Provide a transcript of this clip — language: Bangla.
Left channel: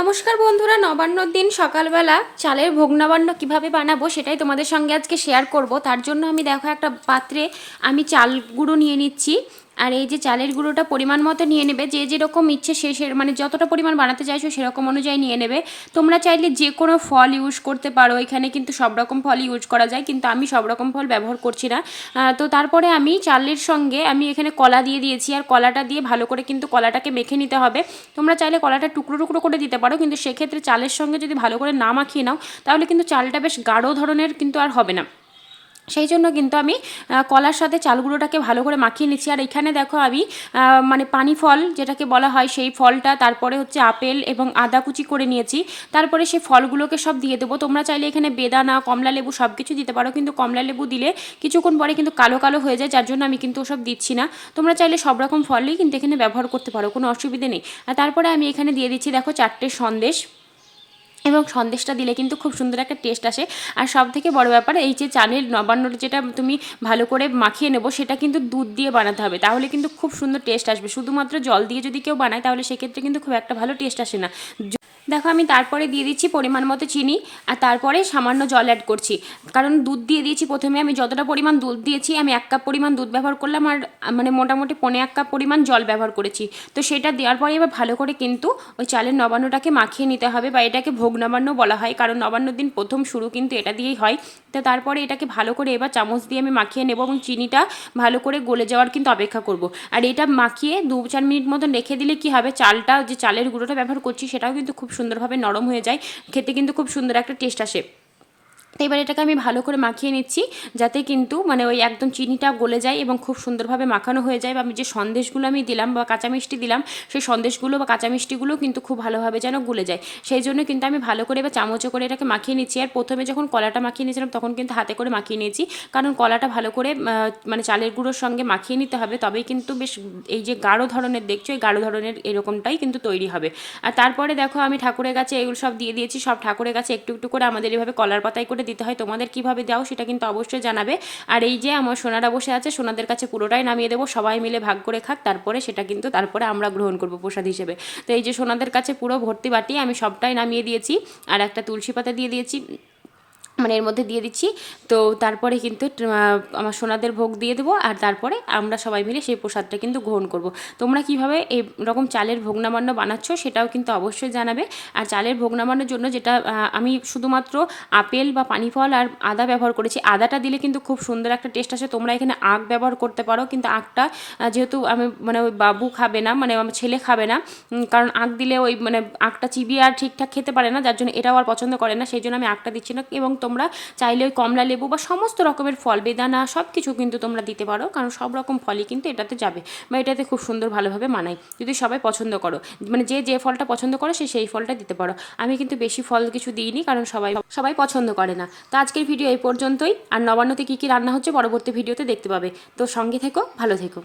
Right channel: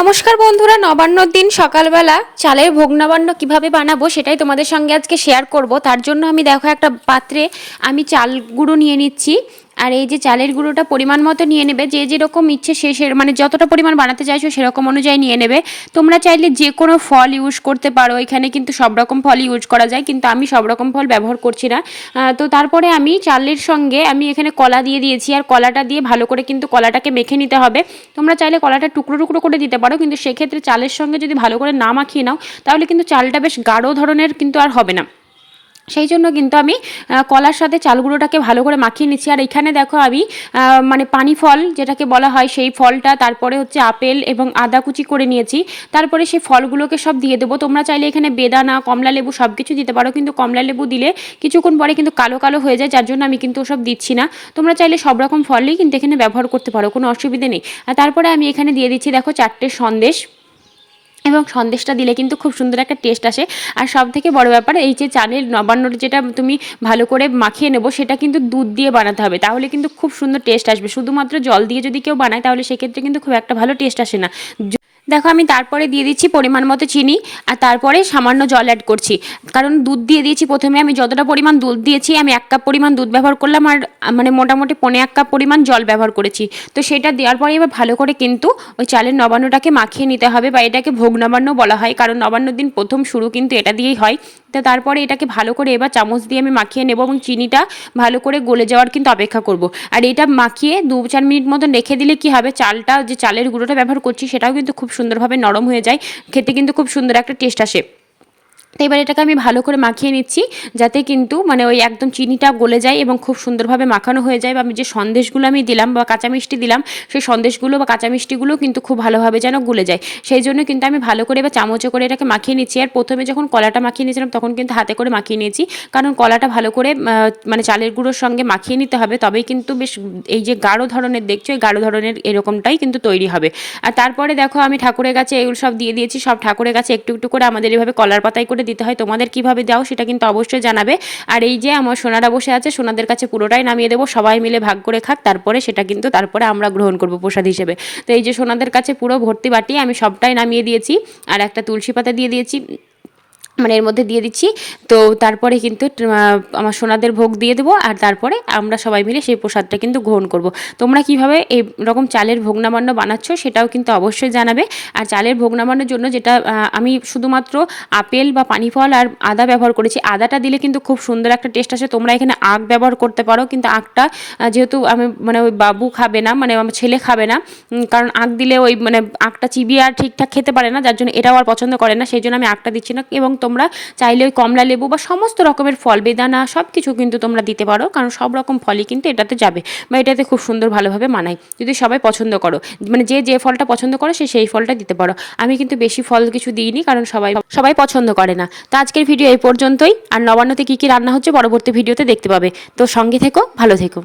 নমস্কার বন্ধুরা নবান্নর দিন সকালবেলা। চালের ভোগ নবান্ন কীভাবে বানাবো সেটাই তোমাদের সঙ্গে আজকে শেয়ার করব। তার জন্য আমি দেখো একটা পাত্রে আমি চাল গুঁড়ো নিয়ে নিচ্ছি। আর এই যে চালের গুঁড়োটা পরিমাণ মতো নিয়ে নেবে, যে যেরকম ইচ্ছে সে সে মানে যতটা পরিমাণ বানাতে চাইছো সেরকম অনুযায়ী নিয়ে নেবে। তোমরা চাইলে যে কোনো ফল ইউজ করতে পারো, এখানে কিন্তু সব রকম ফল ইউজ করা যায়, কিন্তু আমি সব রকম ফল ব্যবহার করছি না। তো তারপরে আমি চালের সঙ্গে আমি এখানে কলা দিয়ে দিয়েছি, আর কলাটা দিয়ে ভালো করে কিন্তু কলাটাকে মেখে নিতে হবে। তোমরা চাইলে কলাটা টুকরো টুকরো করে দিতে পারো, কিন্তু সেক্ষেত্রে চালের সঙ্গে যদি ভালো করে না মাখিয়ে নাও, তাহলে কিন্তু চালটা বেশ গাঢ় ধরনের কিন্তু আর হবে না। সেই জন্য কিন্তু আমি কলার সাথে চালগুঁড়োটাকে ভালো করে মাখিয়ে নিচ্ছি। আর এখানে দেখো আমি মানে পানি ফল যেটাকে বলা হয় সেই ফলটা, তারপরে হচ্ছে আপেল এবং আদা কুচি করে নিয়েছি। তারপরে সেই ফলগুলোকে সব দিয়ে দেবো। তোমরা চাইলে এখানে বেদানা, কমলা লেবু সব কিছু দিতে পারো, কিন্তু কমলা লেবু দিলে কিছুক্ষণ পরে কিন্তু কালো কালো হয়ে যায়, যার জন্য আমি কিন্তু ওসব দিচ্ছি না। তোমরা চাইলে সব রকম ফলই কিন্তু এখানে ব্যবহার করতে পারো, কোনো অসুবিধে নেই। আর তারপরে আমি এখানে দিয়ে দিচ্ছি, দেখো চারটে সন্দেশ। এবং সন্দেশটা দিলে কিন্তু খুব সুন্দর একটা টেস্ট আসে। আর সব থেকে বড় ব্যাপার, এই যে চালের নবান্নটা যেটা তুমি ভালো করে মাখিয়ে নেব, সেটা কিন্তু দুধ দিয়ে বানাতে হবে। তাহলে কিন্তু খুব সুন্দর টেস্ট আসবে। শুধুমাত্র জল দিয়ে যদি কেউ বানায়, তাহলে সেক্ষেত্রে কিন্তু খুব একটা ভালো টেস্ট আসে না। দেখো আমি তারপরে দিয়ে দিচ্ছি পরিমাণ মতো চিনি আর তারপরে সামান্য জল অ্যাড করছি। কারণ দুধ দিয়ে দিয়েছি প্রথমে আমি যতটা পরিমাণ দুধ দিয়েছি, আমি এক কাপ পরিমাণ দুধ ব্যবহার করলাম আর মানে মোটামুটি পনে এক কাপ পরিমাণ জল ব্যবহার করেছি। তো সেটা দেওয়ার পরে এবার ভালো করে কিন্তু ওই চালের নবান্নটাকে মাখিয়ে নিতে হবে বা এটাকে ভোগ নবান্ন বলা হয়, কারণ নবান্ন দিন প্রথম শুরু কিন্তু এটা দিয়েই হয়। তো তারপরে এটাকে ভালো করে এবার চামচ দিয়ে আমি মাখিয়ে নেব এবং চিনিটা ভালো করে গলে যাওয়ার কিন্তু অপেক্ষা করব। আর এটা মাখিয়ে দু চার মিনিট মতন রেখে দিলে কি হবে, চালটা যে চালের গুঁড়োটা ব্যবহার করছি সেটাও কিন্তু খুব সুন্দরভাবে নরম হয়ে যায়। খেতে কিন্তু খুব সুন্দর একটা টেস্ট আসে। তো এবার এটাকে আমি ভালো করে মাখিয়ে নিচ্ছি, যাতে কিন্তু মানে ওই একদম চিনিটা গলে যায় এবং খুব সুন্দরভাবে মাখানো হয়ে যায়। বা আমি যে সন্দেশগুলো আমি দিলাম বা কাঁচা মিষ্টি দিলাম, সেই সন্দেশগুলো বা কাঁচা মিষ্টিগুলো কিন্তু খুব ভালোভাবে যেন গলে যায়। সেই জন্য কিন্তু আমি ভালো করে এবার চামচে করে এটাকে মাখিয়ে নিচ্ছি। আর প্রথমে যখন কলাটা মাখিয়ে নিয়েছিলাম, তখন কিন্তু হাতে করে মাখিয়ে নিয়েছি। কারণ কলাটা ভালো করে মানে চালের গুঁড়োর সঙ্গে মাখিয়ে নিতে হবে। তবেই কিন্তু বেশ এই যে গাঢ় ধরনের, দেখছ এই গাঢ় ধরনের এরকমটাই কিন্তু তৈরি হবে। আর তারপরে দেখো আমি ঠাকুরের কাছে এগুলো সব দিয়ে দিয়েছি। সব ঠাকুরের কাছে একটু একটু করে আমাদের এভাবে কলার পাতায় করে দিতে হয়, তোমাদের কীভাবে দাও সেটা কিন্তু অবশ্যই জানাবে। আর এই যে আমার সোনারা বসে আছে, সোনাদের কাছে পুরোটাই নামিয়ে দেবো, সবাই মিলে ভাগ করে খাক, তারপরে সেটা কিন্তু তারপরে আমরা গ্রহণ করব প্রসাদ হিসেবে। তো এই যে সোনাদের কাছে পুরো ভর্তি বাটি, আমি সবটাই নামিয়ে দিয়েছি, আর একটা তুলসী পাতা দিয়ে দিয়েছি। মানে এর মধ্যে দিয়ে দিচ্ছি। তো তারপরে কিন্তু আমার সোনাদের ভোগ দিয়ে দেবো আর তারপরে আমরা সবাই মিলে সেই প্রসাদটা কিন্তু গ্রহণ করব। তোমরা কীভাবে এই রকম চালের ভোগ নামান্য বানাচ্ছ সেটাও কিন্তু অবশ্যই জানাবে। আর চালের ভোগ নামানোর জন্য যেটা আমি শুধুমাত্র আপেল বা পানি ফল আর আদা ব্যবহার করেছি। আদাটা দিলে কিন্তু খুব সুন্দর একটা টেস্ট আসে। তোমরা এখানে আখ ব্যবহার করতে পারো, কিন্তু আখটা যেহেতু আমি মানে ওই বাবু খাবে না মানে আমার ছেলে খাবে না কারণ আখ দিলে ওই মানে আখটা চিবিয়ে আর ঠিকঠাক খেতে পারে না, যার জন্য এটাও আর পছন্দ করে না, সেই জন্য আমি আখটা দিচ্ছি না। এবং তোমরা চাইলে ওই কমলা লেবু বা সমস্ত রকমের ফল, বেদানা সব কিছু কিন্তু তোমরা দিতে পারো, কারণ সব রকম ফলই কিন্তু এটাতে যাবে বা এটাতে খুব সুন্দর ভালোভাবে মানায়। যদি সবাই পছন্দ করো মানে যে যে ফলটা পছন্দ করো সে সেই ফলটা দিতে পারো। আমি কিন্তু বেশি ফল কিছু দিইনি, কারণ সবাই সবাই পছন্দ করে না। তো আজকের ভিডিও এই পর্যন্তই, আর নবান্নতে কী কী রান্না হচ্ছে পরবর্তী ভিডিওতে দেখতে পাবে। তো সঙ্গে থেকো, ভালো থেকো।